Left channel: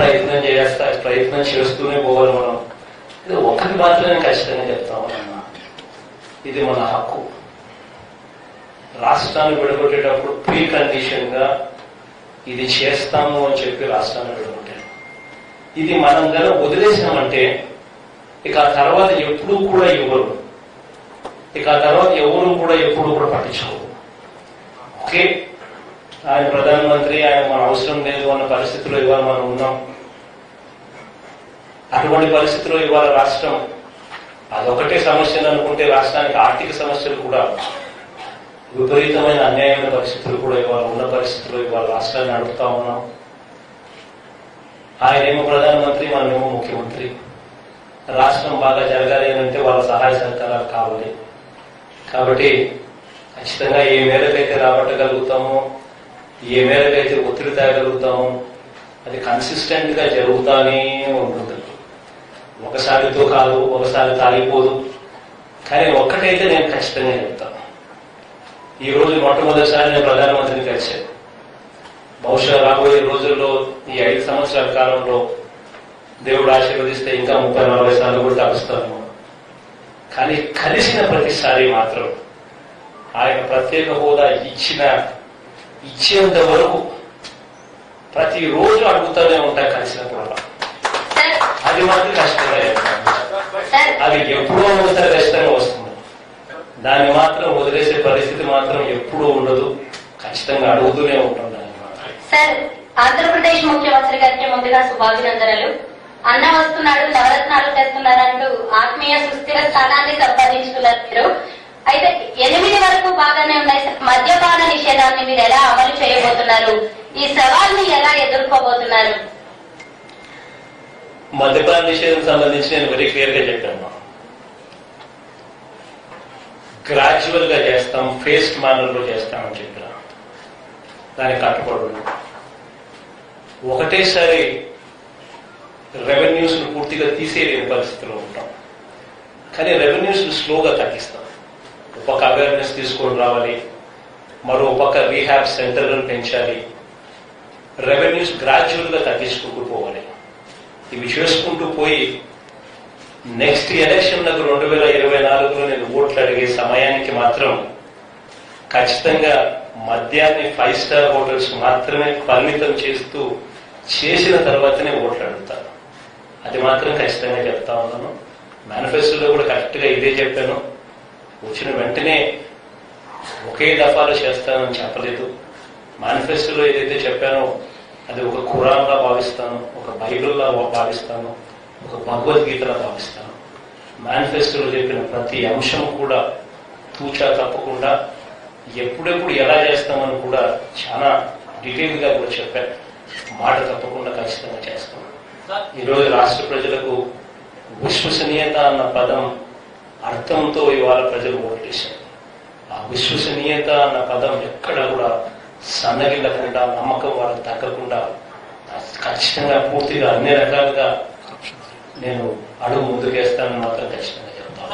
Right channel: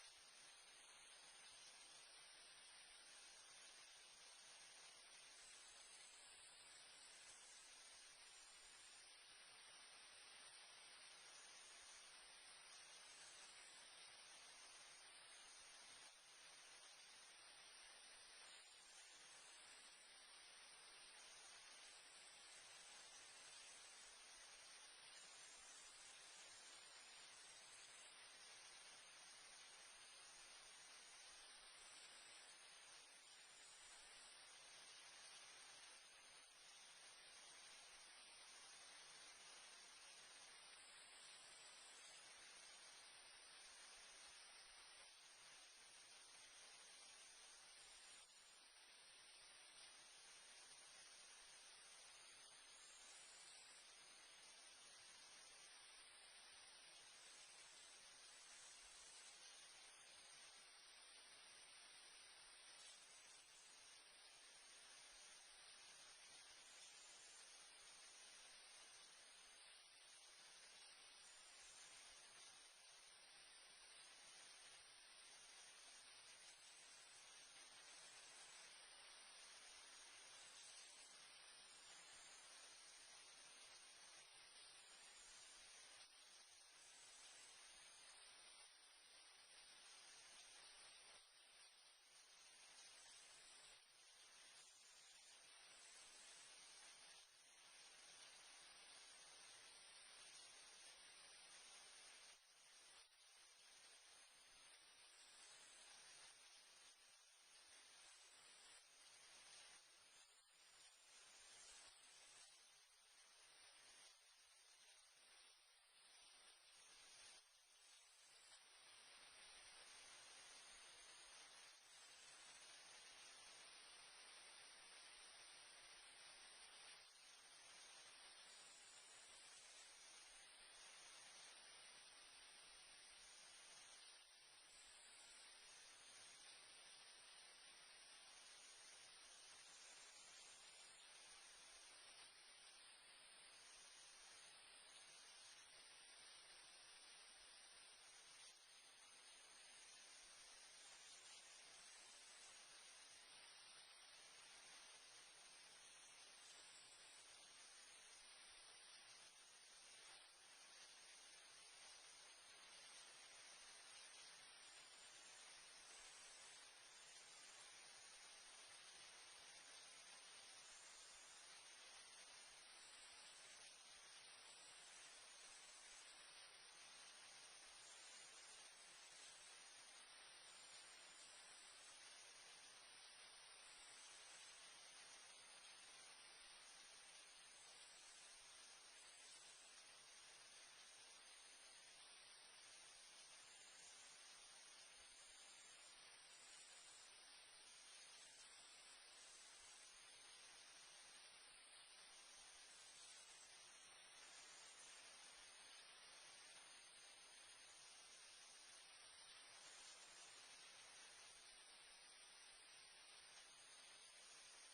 ప్రయత్నం చేస్తూనే పోవాలి మనం. ఇది ఒకటి మాత్రమే ఖచ్చితంగా చెప్తామన్నా, ఇది మన హక్కు. రాష్ట్రాన్ని విడగొట్టేటప్పుడు ప్రీ కండిషన్ గా ఇది చేస్తాము అని చెప్పి రాష్ట్రాన్ని విడగొట్టారు. ఇది మనం కనుక వదిలేసామంటే ఇక ఆ తర్వాత ఎప్పుడూ కూడా ఇవ్వరు, ఇక ఆ తర్వాత ఎవరు కూడా ఎప్పుడూ కూడా పట్టించుకోరు. ఓకే, ఆయన ప్రధానమంత్రి, ఆయన మన అవసరం లేదు అన్న పరిస్థితిలో ఇవాళ మనం ఉన్నాం. అటువంటి పరిస్థితిలో ఇవాళ రాష్ట్రం అదొకటే సమస్యలు అనుకుంటే రాష్ట్రానికి ఆర్థిక సమస్యలు కూడా, విపరీతమైన అన్యాయమైన పరిస్థితులు కూడా ఇవాళ ఉన్న పరిస్థితుల్లో ఇవాళ రాష్ట్రాన్ని నడుపుతా ఉన్నాం. ఆయనేమో ప్రధానమంత్రి, మనమేమో ముఖ్యమంత్రి. రాష్ట్రం బాగా జరగాలి అంటే వాళ్ళ సహాయ సహకారాలు కావాలి. కాబట్టి ఖచ్చితంగా ఏ మేరకైతే రాబట్టగలుగుతామో, ఏ మేరకైతే ఒత్తిడి తేగలుగుతామో అది కన్సిస్టెంట్ గా జరుగుతానే ఉంటుంది. ఒకసారితో కాదు, ఒకసారి తాగిపోదు. కానీ ఒక్కటైతే నేను ఖచ్చితంగా చెప్తాను, ఈ రోజు మొట్టమొదటిసారి నేను ప్రధానమంత్రిని కలిశాను. బహుశా రాబోయే రోజుల్లో ఈ 5 సంవత్సరాల కాలంలో దేవుడు ఆశీర్వదిస్తే ఇంకా 30-40 సార్లు కూడా కలుస్తాను. కానీ కలిసిన ప్రతిసారి మాత్రం ఆయన ప్రత్యేక హోదా ఇచ్చేంత వరకు ప్రతిరోజు అడుగుతూనే ఉంటా కలిసినప్పుడు. అది మాత్రం కష్టంగా చెప్తాను. అది ఎప్పుడో ఒకసారి కష్టంగా వస్తుంది. దాన్ని మాత్రం వదిలేసే పరిస్థితి మాత్రం ఎప్పుడూ ఉండదు. ఖచ్చితంగా అడుగుతూనే ఉంటాం దాన్ని మాత్రం. సార్, ఆంధ్రప్రదేశ్ ముఖ్యమంత్రి గారికి ముందుగా శుభాభినందనలు. అన్న వస్తున్నాడు, నవరత్నాలు తెస్తున్నారంటూ ఆత్మీయ సుస్థిర స్థానాన్ని సంపాదించుకున్నారు మీరు. అయితే 8 వరకు బాగానే ఉన్నాయి. మద్యపాన నిషేధాన్ని మీరు ఎలా అమలు చేయబోతున్నారు? ఈ సవాల్ని ఎలా ఎదుర్కోబోతున్నారు? మద్యపాన నిషేధం సంబంధించి నేను వెరీ క్లియర్ గా చెప్పాను. గ్రాడ్యువల్ గా చేస్తాం, ఫేస్డ్ మేనర్ లో చేస్తామని చెప్పిన దానికి కట్టుబడి ఒకటేసారి రెవెన్యూస్ ను పూర్తిగా తీసేయలేని పరిస్థితిలో ఉంటాం. కానీ రెవెన్యూస్ ను స్లోగా తగ్గిస్తాం. ఒక పక్క అవేర్నెస్ తీసుకొని రావాలి, మరో పక్క రీహాబ్ సెంటర్లను పెంచాలి, రెవెన్యూస్ గ్రాడ్యువల్ గా తగ్గించుకుంటూ పోవాలి. ఇవి చేసుకుంటూ పోయి నెక్స్ట్ ఎలక్షన్లకు 2024లో నేను ఓట్లు అడిగే సమయానికి మాత్రం ఖచ్చితంగా మద్యాన్ని 5 స్టార్ హోటల్స్ మాత్రమే పరిమితం చేసిన తర్వాతనే ఓట్లు అడుగుతాను. అది మాత్రం ఖచ్చితంగా చెప్తా ఉన్నాను. మేనిఫెస్టోలో కూడా కరెక్ట్ గా ఇదే చెప్పాను. వచ్చిన వెంటనే ఒకే దఫాలో చేస్తానని చెప్పలేదు. మేనిఫెస్టోలో ఏదైతే చెప్పానో అది ఒక ఖురాన్లా భావిస్తాను, ఒక బైబిల్లా భావిస్తాను, ఒక భగవద్గీతలా భావిస్తాను. మేనిఫెస్టోలో చెప్పిన ప్రతి అంశం కూడా తూచా తప్పకుండా ఎప్పుడెప్పుడు ఎలా చేస్తామని కూడా చాలా డీటెయిల్ గా కూడా చెప్పాను. మాట తప్పకుండా ఖచ్చితంగా చేస్తాం. ఈరోజు రాష్ట్ర ప్రజలకు విశ్వసనీయత అన్న పదం అర్థంతో ఇవాళ ప్రజలు ఓటేశారు. ఆ విశ్వసనీయత అన్న పదం ఎక్కడ కూడా సన్నగిల్లకుండా, నమ్మకం వాళ్ళకి తగ్గకుండా ఖచ్చితంగా పూర్తిగా అన్ని రకాలుగా నేను అడుగు ముందుకేస్తానని మాత్రం ఖచ్చితంగా చెప్తాను.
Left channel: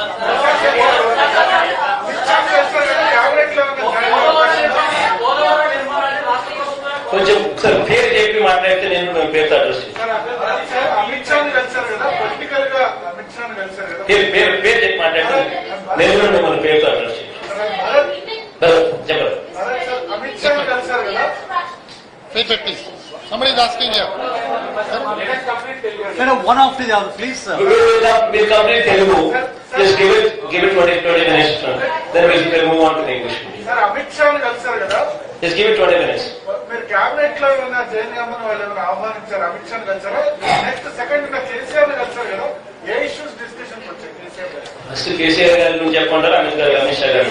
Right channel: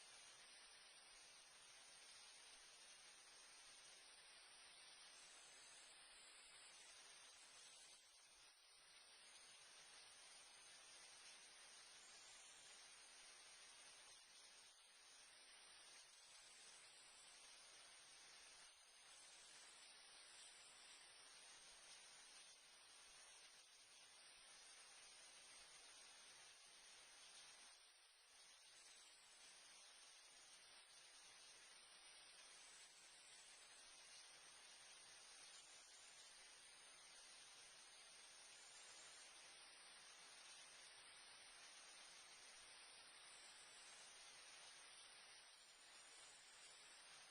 కొంచెం ఒకసారి పేరు చెప్పి మాట్లాడితే నేను పేరుతో అడ్రస్ చేస్తాను. పేరు చెప్పి మాట్లాడితే నేను కూడా మిమ్మల్ని పేరుతో అడ్రస్ చేస్తాను. చెప్పండి. Somebody is asking here. One after the other, please, sir. We'll complete Telugu. Just give it 20 minutes. Then we'll move on to the English. Sir, Amit Shah ni kalsaru kada? Just give it 20 minutes. Meer cabinet lo evana Jain Gamman vallu evana ఆహ్వానించారు Amit Shah ni kalsaru? Next second na KCR ni kalsaru kada? ఏ issues discussion వచ్చాయి KCR గారు? First KCR గారి నుంచి చెప్పంటారా అమిత్ షా గారు?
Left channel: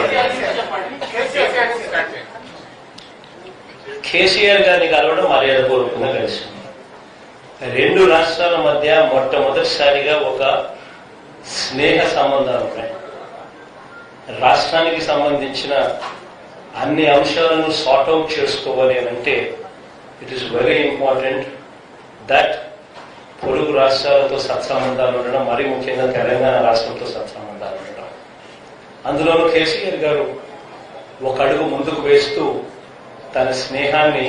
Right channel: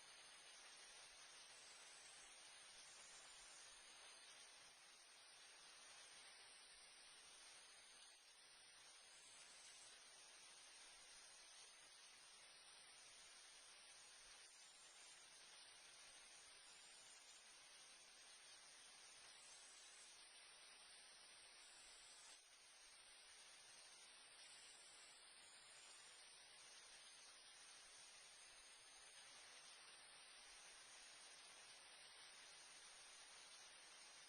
కేసీఆర్ గారిని కలవడం మర్యాదపూర్వకంగా కలిసి 2 రాష్ట్రాల మధ్య మొట్టమొదటిసారిగా ఒక స్నేహ సంబంధాలు ఉన్నాయి. రాష్ట్రానికి సంబంధించిన అన్ని అంశాలను సార్ట్అవుట్ చేసుకోవాలి అంటే it is very important that పొరుగు రాష్ట్రాలతో సత్సంబంధాలు ఉండడం, మరీ ముఖ్యంగా తెలంగాణ రాష్ట్రంతో సత్సంబంధాలు ఉండడం. అందులోనూ కేసీఆర్ గారు ఒక అడుగు ముందుకు వేస్తూ తన స్నేహాన్ని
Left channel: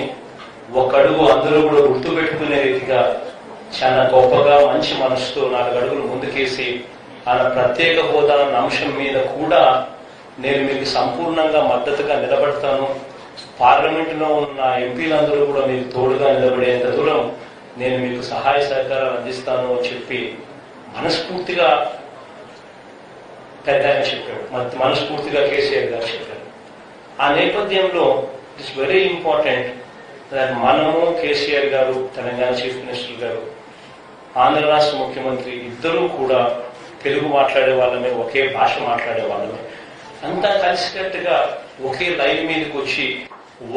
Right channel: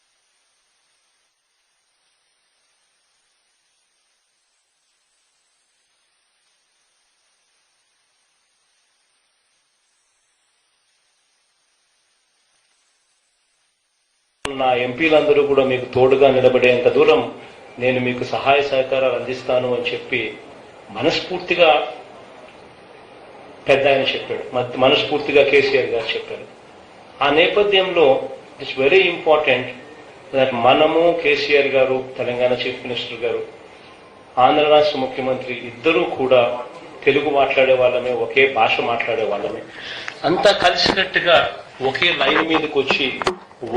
ఒక అడుగు అందరూ కూడా గుర్తుపెట్టుకునే రీతిగా చాలా గొప్పగా మంచి మనసుతో 4 అడుగులు ముందుకేసి ఆయన ప్రత్యేక హోదా అన్న అంశం మీద కూడా నేను మీకు సంపూర్ణంగా మద్దతుగా నిలబడతాను, పార్లమెంటులో ఉన్న ఎంపీలందరూ కూడా మీకు తోడుగా నిలబడేంత దూరం నేను మీకు సహాయ సహకారాలు అందిస్తాను అని చెప్పి మనస్ఫూర్తిగా పెద్ద ఆయన చెప్పాడు, మనస్ఫూర్తిగా కేసీఆర్ గారు చెప్పారు. ఆ నేపథ్యంలో ఇట్స్ వెరీ ఇంపార్టెంట్ దట్ మనము కేసీఆర్ గారు, తెలంగాణ చీఫ్ మినిస్టర్ గారు, ఆంధ్ర రాష్ట్ర ముఖ్యమంత్రి ఇద్దరూ కూడా తెలుగు మాట్లాడే వాళ్ళమే, ఒకే భాష మాట్లాడే వాళ్ళమే, అంతా కలిసికట్టుగా ఒకే లైన్ మీదకి వచ్చి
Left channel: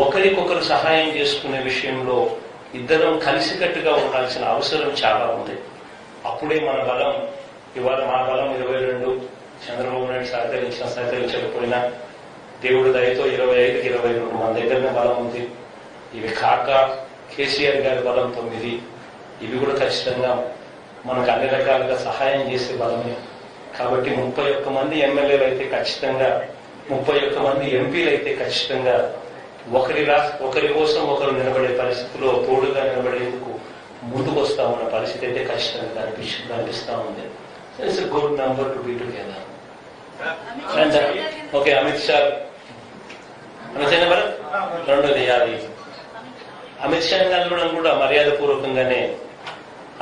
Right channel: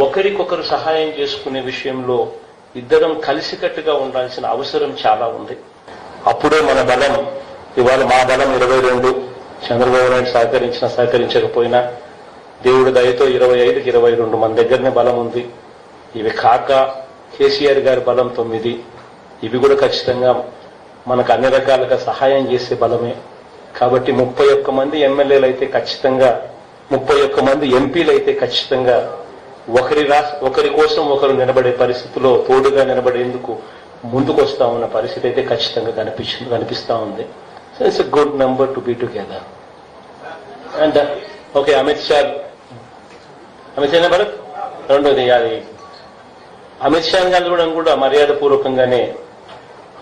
ఒకరికొకరు సహాయం చేసుకునే విషయంలో ఇద్దరం కలిసికట్టుగా ఉండాల్సిన అవసరం చాలా ఉంది. అప్పుడే మన బలం, ఇవాళ మా బలం 22, చంద్రబాబు నాయుడు సహకరించకపోయినా దేవుడి దయతో 25కి 22 మన దగ్గరనే బలం ఉంది. ఇవి కాక కేసీఆర్ గారి బలం 9, ఇవి కూడా ఖచ్చితంగా మనకు అన్ని రకాలుగా సహాయం చేసే బలమే. కాబట్టి 31 మంది ఎమ్మెల్యేలు అయితే ఖచ్చితంగా, 31 మంది ఎంపీలు అయితే ఖచ్చితంగా ఒకరి కోసం ఒకరు నిలబడే పరిస్థితిలో తోడుగా నిలబడేందుకు ముందుకు వస్తామన్న పరిస్థితి అయితే ఖచ్చితంగా కనిపిస్తా ఉంది. It's a good number to be together. And okay, Amit Shah number 2ది అది అమిత్ షా గారు కూడా మర్యాద పూర్వకంగానే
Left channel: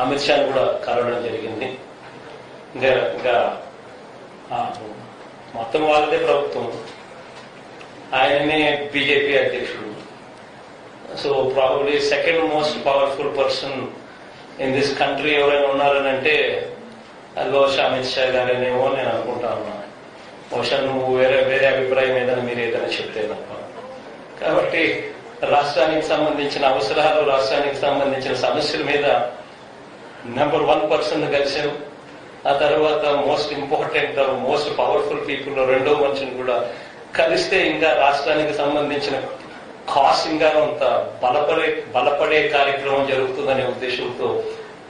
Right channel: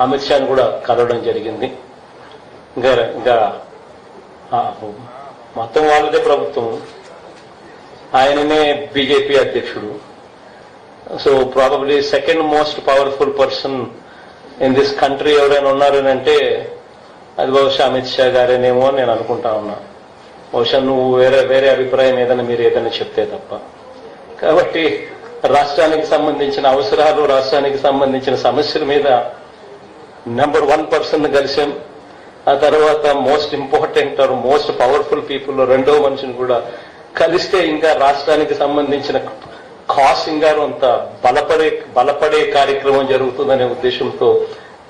అమిత్ షాను కూడా కలవడం జరిగింది. ఇంకా మొత్తం వాళ్ళదే ప్రభుత్వం, ఆయననే బీజేపీ అధ్యక్షుడు. So probably second most powerful person in this country ఎవరైనా ఉన్నారనంటే అది బహుశా అమిత్ షా గారేనేమో నేను అనుకుంటా ఉన్నా. బహుశా నువ్వు వేరే అభిప్రాయం ఏదైనా మీరు ఏదైనా చెప్తే తప్ప. కాబట్టి రాష్ట్రానికి సంబంధించిన అవసరాలు, రాష్ట్రానికి సంబంధించిన సమస్యల మీద నెంబర్ 1 పర్సన్ కలిసాం. ఆ తర్వాత most important most powerful people 2వ మనిషిని కూడా కలిస్తే ఇంకా రాష్ట్రానికి సంబంధించిన కాస్ ఇంకా అంత బలపడే కార్యక్రమం జరుగుతుందనే ఉద్దేశంతో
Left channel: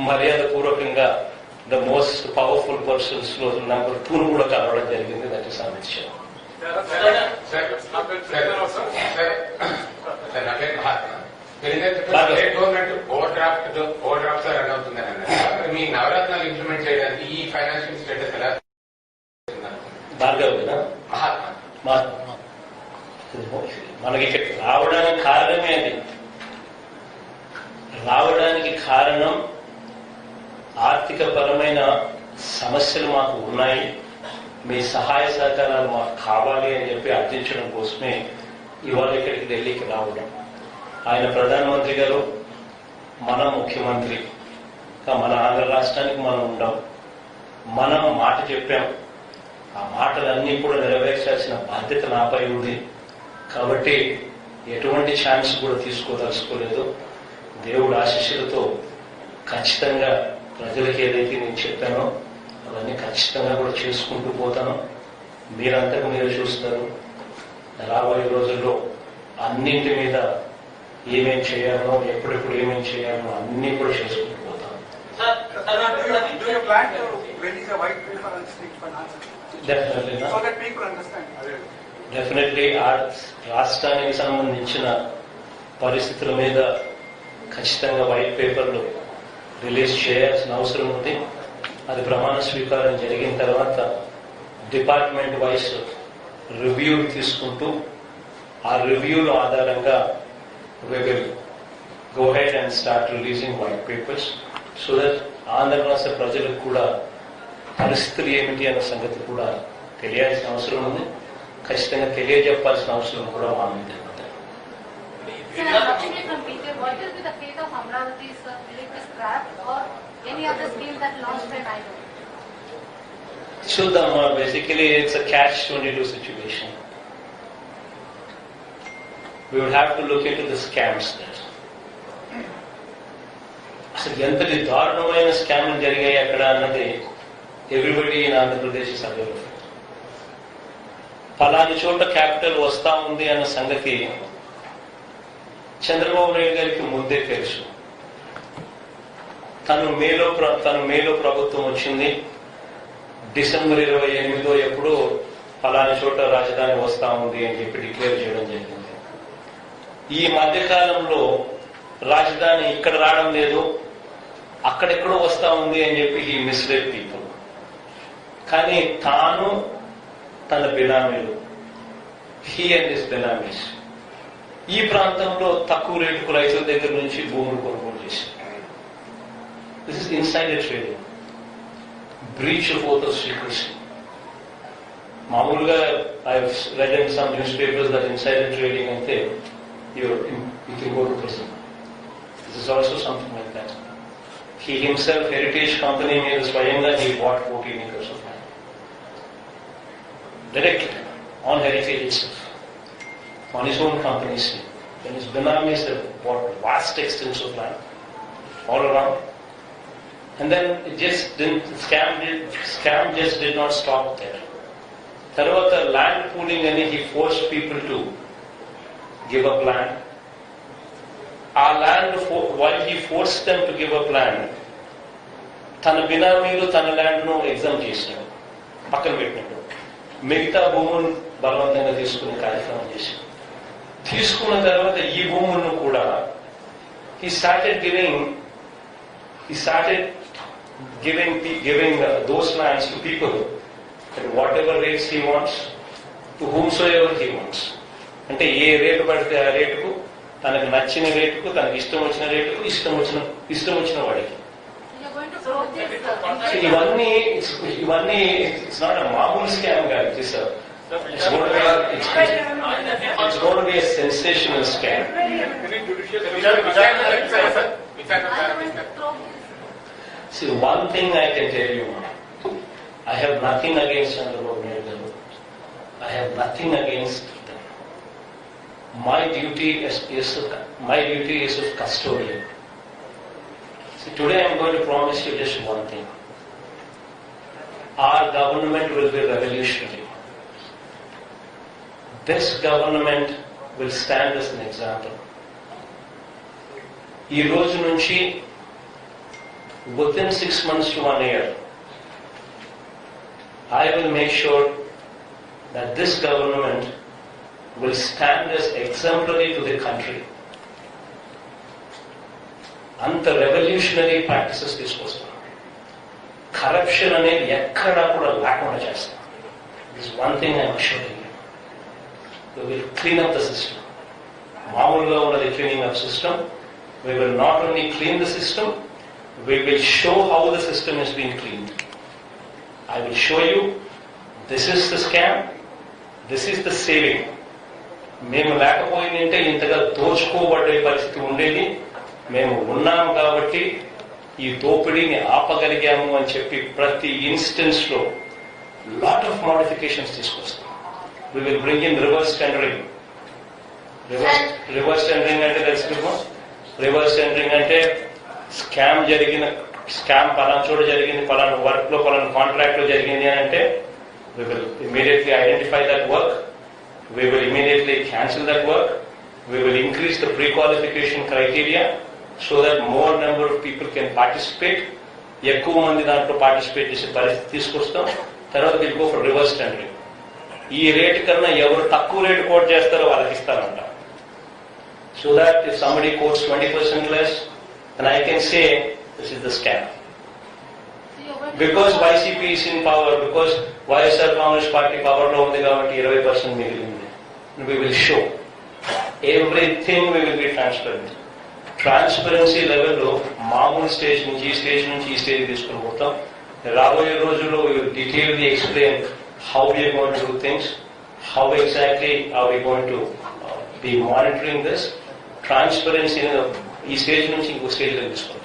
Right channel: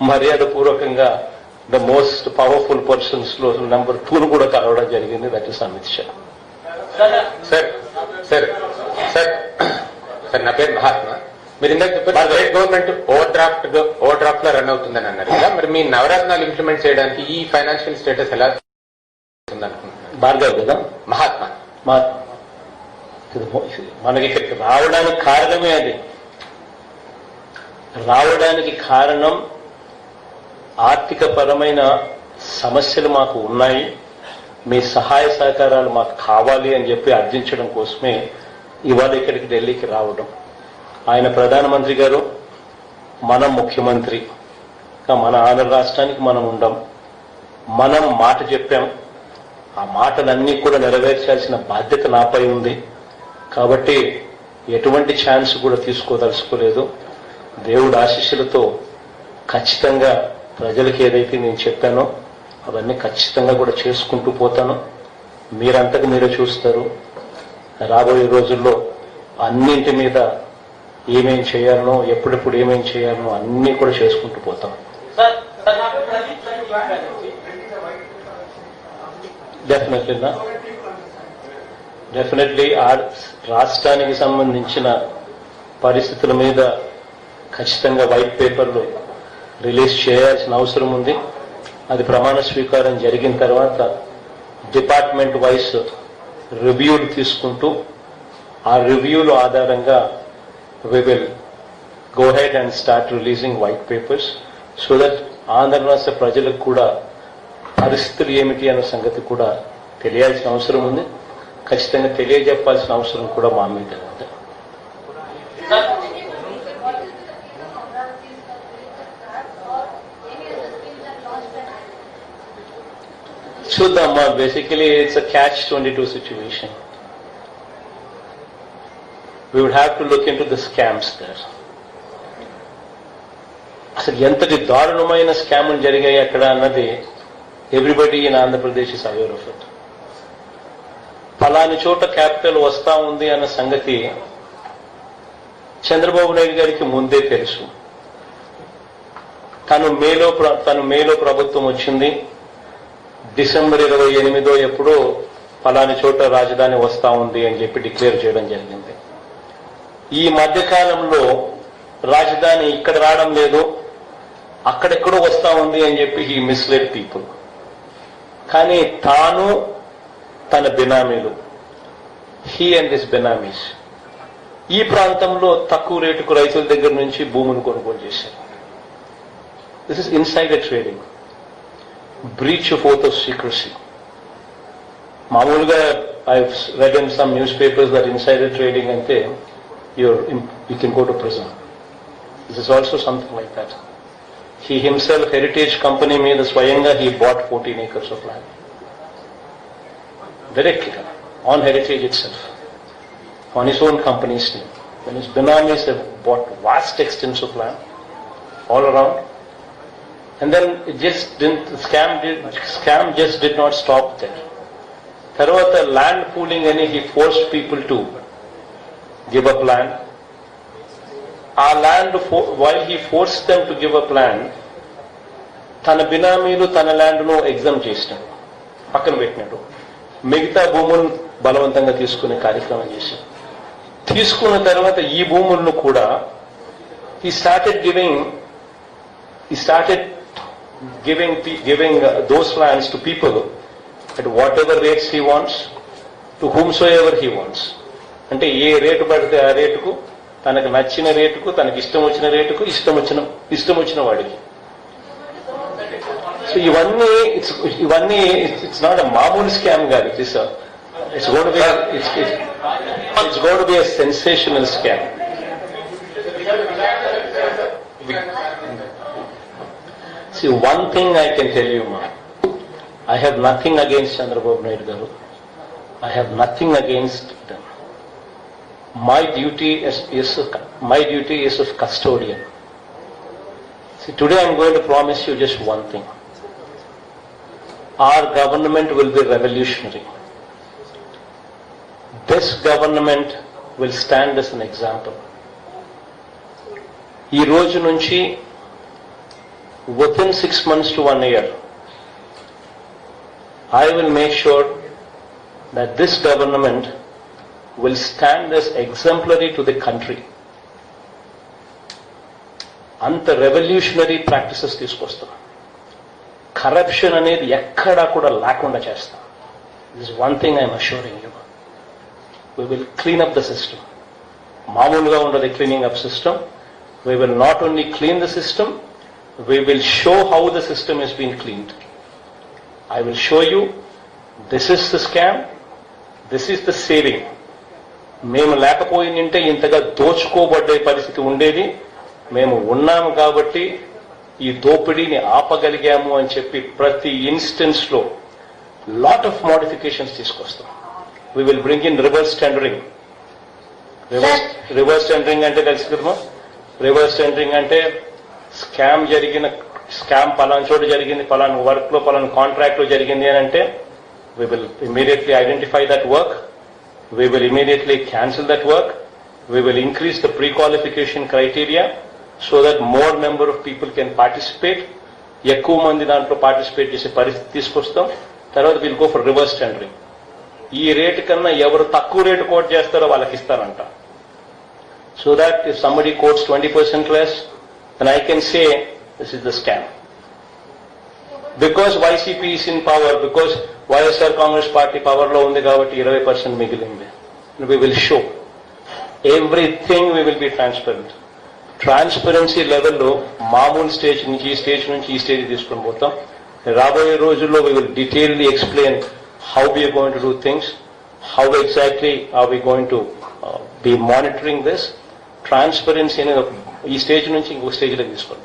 మర్యాద పూర్వకంగా ద మోస్ట్ పవర్ఫుల్ పర్సన్స్ లో నెంబర్ 2 కూడా కలవడం జరిగింది. That is Amit Shah. Sir నా పేరు మహాత్మా. మీరు ఇందాక చెప్పారు స్టేట్ గవర్నమెంట్ ఓవర్ డ్రాఫ్ట్ లో రన్ అవుతుందని అన్నారు కదా, మరి మీ నవరత్నాలు ఇంప్లిమెంట్ చేయడానికి ఈ ఫైనాన్షియల్ స్టేటస్ ఎలా ఉందనుకుంటున్నారు? భార్గవ్ కదా మహాత్మా మనకి రావడానికి కారణమే అది. రావడానికి కారణం ఆర్థిక పరమైన సమస్యలు మాకు ఉన్నాయి, మీ సహాయ సహకారాలు మాకు కావాలి అని చెప్పి అర్థించడం కోసమే ఇవాళ ఇక్కడికి ఢిల్లీకి రావడం. ఆయన ప్రధానమంత్రి గారు, మనం ముఖ్యమంత్రి, మన ఆంధ్ర రాష్ట్రానికి మనం ఉండం, మనం మాట చెప్పాం, ఆ మాటలన్నీ కూడా నెరవేర్చాల్సిన బాధ్యత నాపై ఉంది. కాబట్టి ఎటువంటి ఛాన్స్ కూడా తీసుకోదలుచుకోలేదు. దేవుడి ఆశీస్సులతో ఖచ్చితంగా ప్రజలకు ఏదైతే నేను చెప్పానో అవన్నీ ఖచ్చితంగా కూడా చేసుకుంటూ పోతాను. మీరంతకు మీరే చూస్తారు. రాబోయే రోజుల్లో అన్నింటి మీద ఏమేం చేయాలో, ఎప్పుడెప్పుడు ఏమేం చేయాలో అన్ని కూడా చేసుకుంటూ పోతాం. డెఫినెట్లీ రాష్ట్రానికి సంబంధించిన పరిస్థితుల మీద ఖచ్చితంగా వైట్ పేపర్లు రిలీజ్ చేయాల్సిన అవసరం ఉంది. అది ప్రమాణ స్వీకారం జరిగిన తర్వాత డిపార్ట్మెంట్ వైస్ రివ్యూలు తీసుకుంటూ ఆ రివ్యూల ఆధారంగా we will go ahead and start releasing white papers so that Andhra రాష్ట్ర ప్రజలకు కూడా పరిస్థితులు ఏమిటి అనే సంగతి కూడా తెలియాల్సిన అవసరం ఉంది. ఖచ్చితంగా తెలియజెప్పాల్సిన అవసరం కూడా మా మీద ఉంది. చూద్దామా, basically it's a catch-22 situation. We would have to look into the scams there. అసలు ఎంతటి దారుణమైన స్కామ్లు జరిగాయి అక్కడ అన్నది everybody in Andhra Pradesh is aware of it. ఫలాని చోట క్యాపిటల్ వస్తా ఉంది అన్న సంగతి చంద్రబాబు నాయుడు గారికి ముందే తెలుసు. తను మేలో ప్రభుత్వం వచ్చింది, డిసెంబర్ 28 ఎప్పుడో ఫలాని చోట రాజధాని వస్తా ఉంది అని చెప్పి డిక్లేర్ చేయడం జరిగింది. ఈ మధ్యకాలంలో రాజధాని ఇక్కడ రావడం లేదు, అక్కడెక్కడో వస్తా ఉంది అని చెప్పి హీ మిస్లెడ్ పీపుల్. కానీ తాను తన బినామీలు, హీ అండ్ హిస్ బినామీస్ ఈ ప్రాంతంలో తక్కువ రేటుకు రైతుల దగ్గర నుంచి భూమిని కొనుగోలు చేశారు. This is insider trading, breach of oath of secrecy. మామూలుగా I read in some news papers that insider trading అంటే you can go to prison. This is also something like that. He himself, Heritage Company మీద స్వయంగా he bought 14 acres of land. Directly on Heritage itself, on his own company's name. When his binamis have bought vast extents of land all around. And then it just didn't, the scam just did not stop there. Tarvata land pooling ani he forced people to give up land. Our land, while he forced them to give up land, తన బినామీలు తన land ను exam చేసినాడు, పక్కన పెట్టినాడు. మిగతా భూములను బలవంతంగా తీసుకునే కార్యక్రమం చేశాడు. తీసుకున్న తర్వాత ఈ భూములను కూడా he started giving those lands to people at whatever rates he wants, to whomsoever he wants. అంటే ఏ రేటు పడితే ఆ రేటుకు, తనకు నచ్చిన రేటుకు, తనకి ఇష్టం వచ్చిన రేటుకు, ఇష్టం వచ్చిన వాడికి. ఇవన్నీ ఇట్స్ నాట్ అ మామూలు స్కామ్ కాదు. It's got be a sensational scam. See, one thing I can tell you, ma, I have nothing against Chandrababu Naidu garu. I have nothing against them. My duty is of custodian. See, today I am going to promise you just one thing. Our government will be revolutionary. This government will stand as an example. ఈ రోజు నుంచి within 6 months to 1 year, I will make sure that this government will stand as exemplary to the country. అంత revolutionary practices తీసుకొస్తాం. Corruption అనేది ఎక్కడా కూడా లేకుండా చేస్తాం. This one thing I'm assuring you. We will clean up the system. మామూలుగా ఉన్నది cleaning up system. We will not only clean the system, we will show how the system is being cleaned. I will show you this is the scam, this is the saving. మేము లేకపోయిందంటే ఇంతగా దోచుకోబడే పరిస్థితి ఉండేది. మేము ఉన్నాము కాబట్టి ఈ దోపిడీని ఆపగలిగాము అని చెప్పి ప్రతి ఇన్స్టెన్స్ లో లాట్ ఆఫ్ మోడిఫికేషన్స్ తీసుకొస్తాం. We will bring in reverse tendering. Reverse tendering అంటే తెలుసుకున్నాము. రివర్స్ టెండరింగ్ అంటే స్కామ్ పలానా చోట జరిగింది, పలానా వర్క్ లో, పలానా కాంట్రాక్ట్ లో జరిగింది అని అంటే we will immediately identify that work. We will immediately cancel that work. We will increase the pre-qualification criteria so that more number of people can participate. ఎక్కువ మంది దాంట్లో పార్టిసిపేట్ చేసే పరిస్థితి తీసుకొస్తాం. తర్వాత will go for reverse tendering. ఈ rate కన్నా ఎవరు తక్కువ రేటు కోట్ చేస్తారో వాళ్ళకి ఇస్తానంట. So that if somebody quotes 20% less, then I can say this is the scam. Because YCP is in power, because YSR Congress Party power lo undi kabatti 20% migilindi. We will show everything. We will be transparent. Transparency level lo మామూలు stage నుంచి ఈ stage తీసుకొని పోతాం. రాబోయే రోజుల్లో we will detailedly explain how we are going to do things, how exactly are we going to be monitoring this. Transparency అనేది ఈ stage నుంచి ఇంకో స్టేజ్ లో తీసుకుంటాం.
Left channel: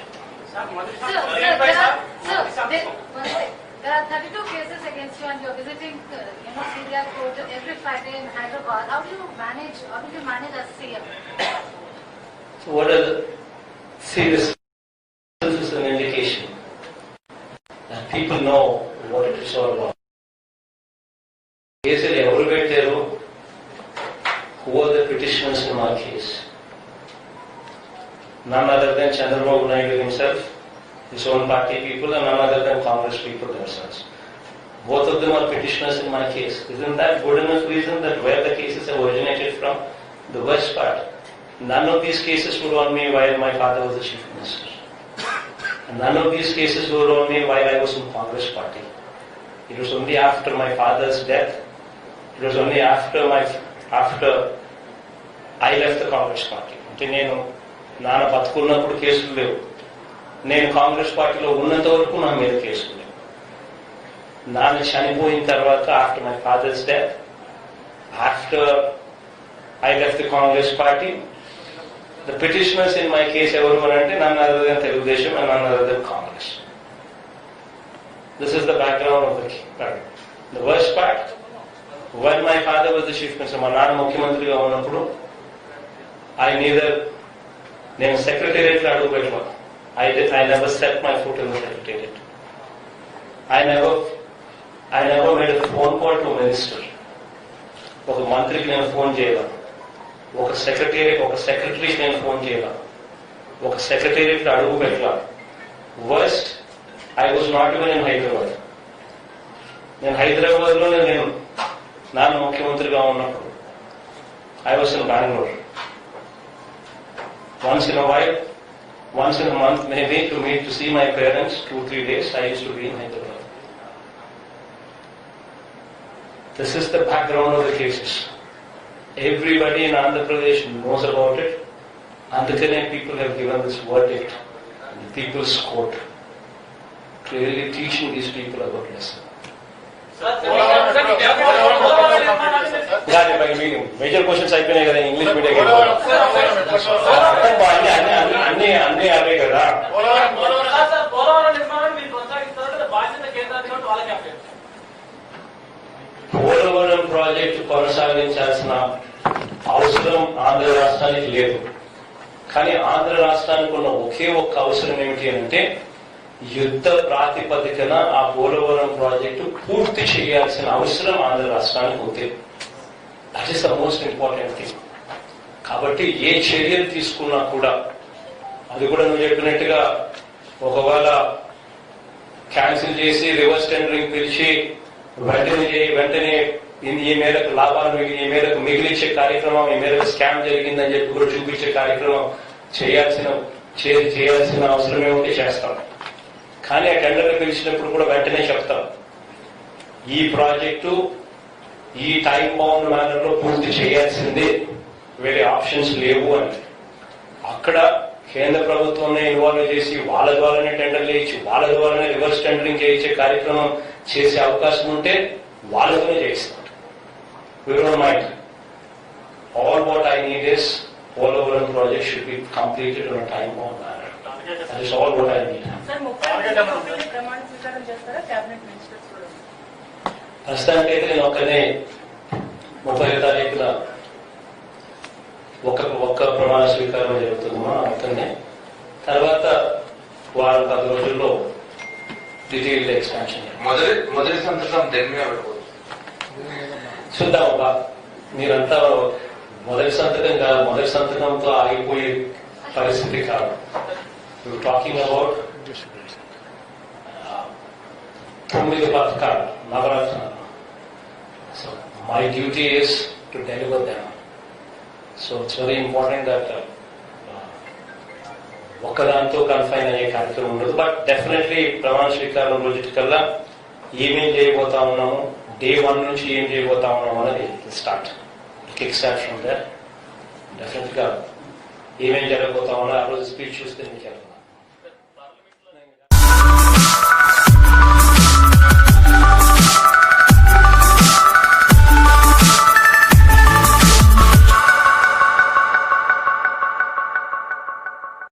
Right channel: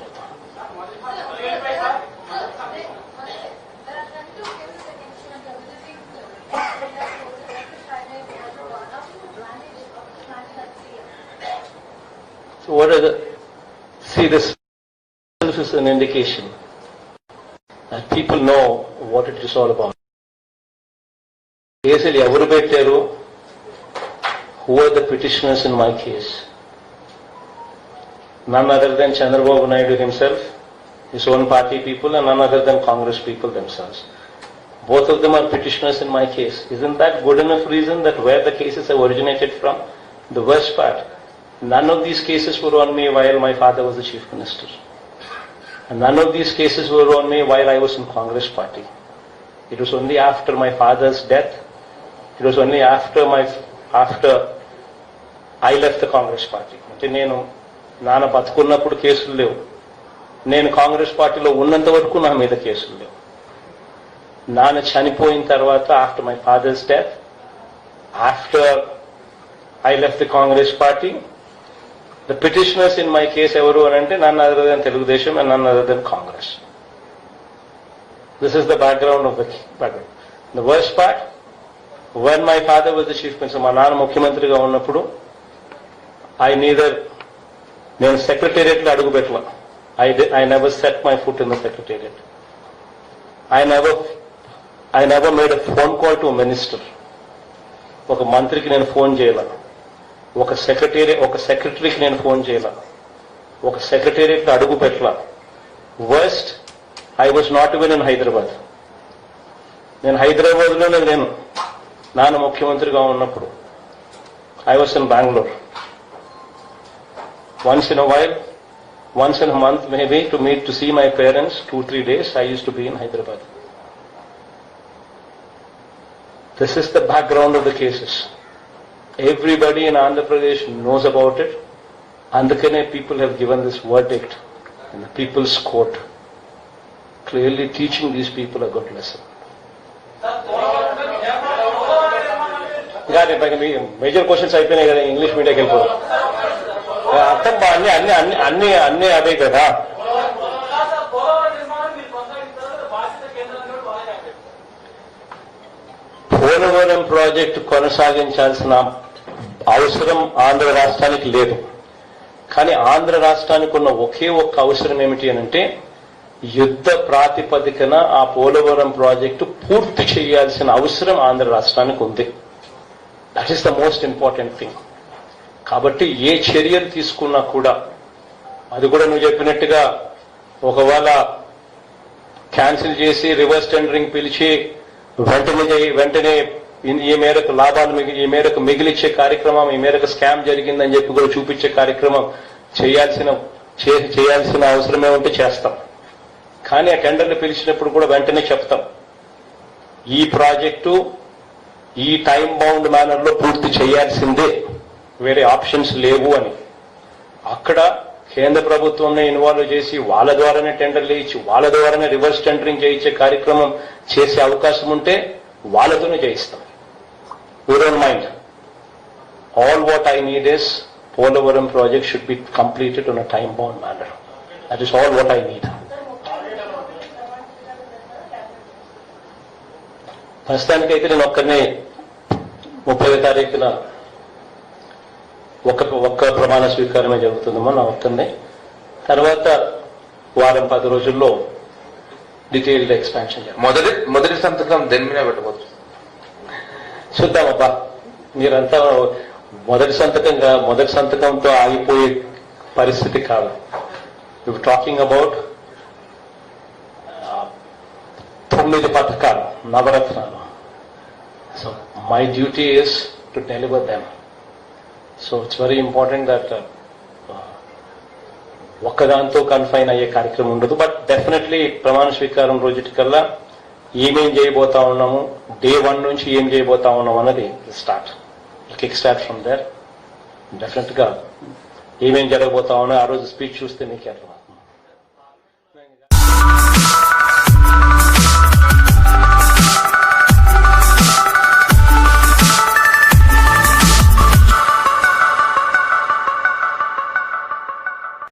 There are 32 cases against you and you are visiting area court every Friday in Hyderabad. How do you manage as CM? So what are this is an indication that people know what it is all about. కేసులు ఎవరు పెట్టారు? Who are the petitioners in my case? None other than Chandrababu Naidu himself, his own party people, and none other than Congress people themselves. Both of them are petitioners in my case. Isn't that good enough reason that where the cases have originated from? The worst part, none of these cases were on me while my father was the chief minister. And none of these cases were on me while I was in Congress party. It was only after my father's death. It was only after I left the Congress party. అంటే నేను నాన్న బతుకున్నప్పుడు కేసులు లేవు, నేను కాంగ్రెస్ పార్టీలో ఉన్నంత వరకు నా మీద కేసులు లేవు. నాన్న చనిపోయిన తర్వాత after my father's death, after I left the Congress party, the petitioners in my case evaru anante none other than Telugudesham and none other than Congress. This is the background of the problem. The worst part, when my father was the chief minister, ma nana mukhyamantri ga unnappudu, నేను secretariat లో అడుగు పెట్టాను. I never set my foot in the secretariat. I never made a phone call to a minister. ఒక మంత్రికి నేను phone చేయాల, ఒక సెక్రటరీకి నేను ఫోన్ చేయాల, ఒక సెక్రటేరియట్ లో అడుగు పెట్టాల. Worst, I was not even in Hyderabad. నేను హైదరాబాద్ లోనే లేను నాన్న ముఖ్యమంత్రిగా ఉన్నప్పుడు. I was in Bengaluru. Once in a while, once in a month maybe, to see my parents 2-3 days, I used to be in Hyderabad. This is the background of the cases. Everybody in Andhra Pradesh knows about it. Andhra people have given this verdict in the People's Court, clearly teaching these people a good lesson. Major questions అయిపోయినాయి కదా, English medium అన్ని అవే కదా. Polavaram project కొనసాగించాల్సిన అవసరం ఆంధ్ర రాష్ట్రానికి లేదు. కానీ ఆంధ్ర రాష్ట్రానికి ఉన్న ఒకే ఒక్క అవసరం ఏమిటి అంటే, యుద్ధ ప్రాతిపదికన ఆ పోలవరం ప్రాజెక్టు పూర్తి చేయాల్సిన అవసరం ఆంధ్ర రాష్ట్రానికి ఉంది. That is the most important thing. కాబట్టి ఏ చర్యలు తీసుకున్నా కూడా, అది కూడా నువ్వు చెప్పినట్టుగా ఒకవేళ క్యాన్సిల్ చేసి రివర్స్ టెండరింగ్ పిలిచి వెంటనే ఈ మేరకు లాభాలు ఈ మేరకు మిగిలిచ్చే కార్యక్రమం, ఈ మేరకు స్కామ్ జరిగిందని చెప్పి కూడా చూపించే కార్యక్రమం చేయాల్సిన అవసరమే ఉంటే చేస్తాం. కానీ ఆ టెండర్లు పిలిచినప్పుడు కూడా వెంటనే చెప్తాం, ఈ ప్రాజెక్టు ఈ టైం బౌండ్ మేనర్ లో పూర్తి చేయాల్సిందే, వేరే ఆప్షన్స్ లేవు అని. అక్కడ కేంద్ర ప్రభుత్వాన్ని ఇన్వాల్వ్ చేసి వాళ్ళ ద్వారానే టెండర్లు ఇచ్చి వాళ్ళ ద్వారానే రివర్స్ టెండరింగ్ చేయించే కార్యక్రమం చేసే అవకాశం ఉంటే వాళ్ళతోనే చేయిస్తాం. We don't mind. All what I need is Polavaram project should be completed on a time bound manner. That is all what I need. ప్రస్తుతానికైతే నేను ఒక్కనే 30వ తారీఖున ఒక్క ప్రమాణ స్వీకారమే జరుగుతుందమ్మా నా ఒక్కనే. తర్వాత వారం 10 రోజుల్లో డీటెయిల్డ్ ఎక్స్పాన్షన్. మొదటి సంతకం దేని మీద పెట్టబోతుంది చూద్దామబ్బా. మీరంతా మొదటి సంతకంతో ఆగిపోయే పరిస్థితి కాదు. టాకింగ్ అబౌట్ 9 పథకాలు, నవరత్నాలు. So my duty is to deliver them. So it's very important that ఒక్కదాంతో కన్ఫైన్ అయ్యే కార్యక్రమం ఉండదు. బట్ డెఫినెట్లీ ప్రమాణ స్వీకారం రోజుకల్లా ఏమేం చేయబోతా ఉన్నాము, డే 1 నుంచి ఏం చేయబోతా ఉన్నాము అన్నది kick start from there. Definite గా ఏమేం జరగబోతా ఉన్నా ఆ రోజు స్పీచ్ చూస్తే నీకు అర్థం.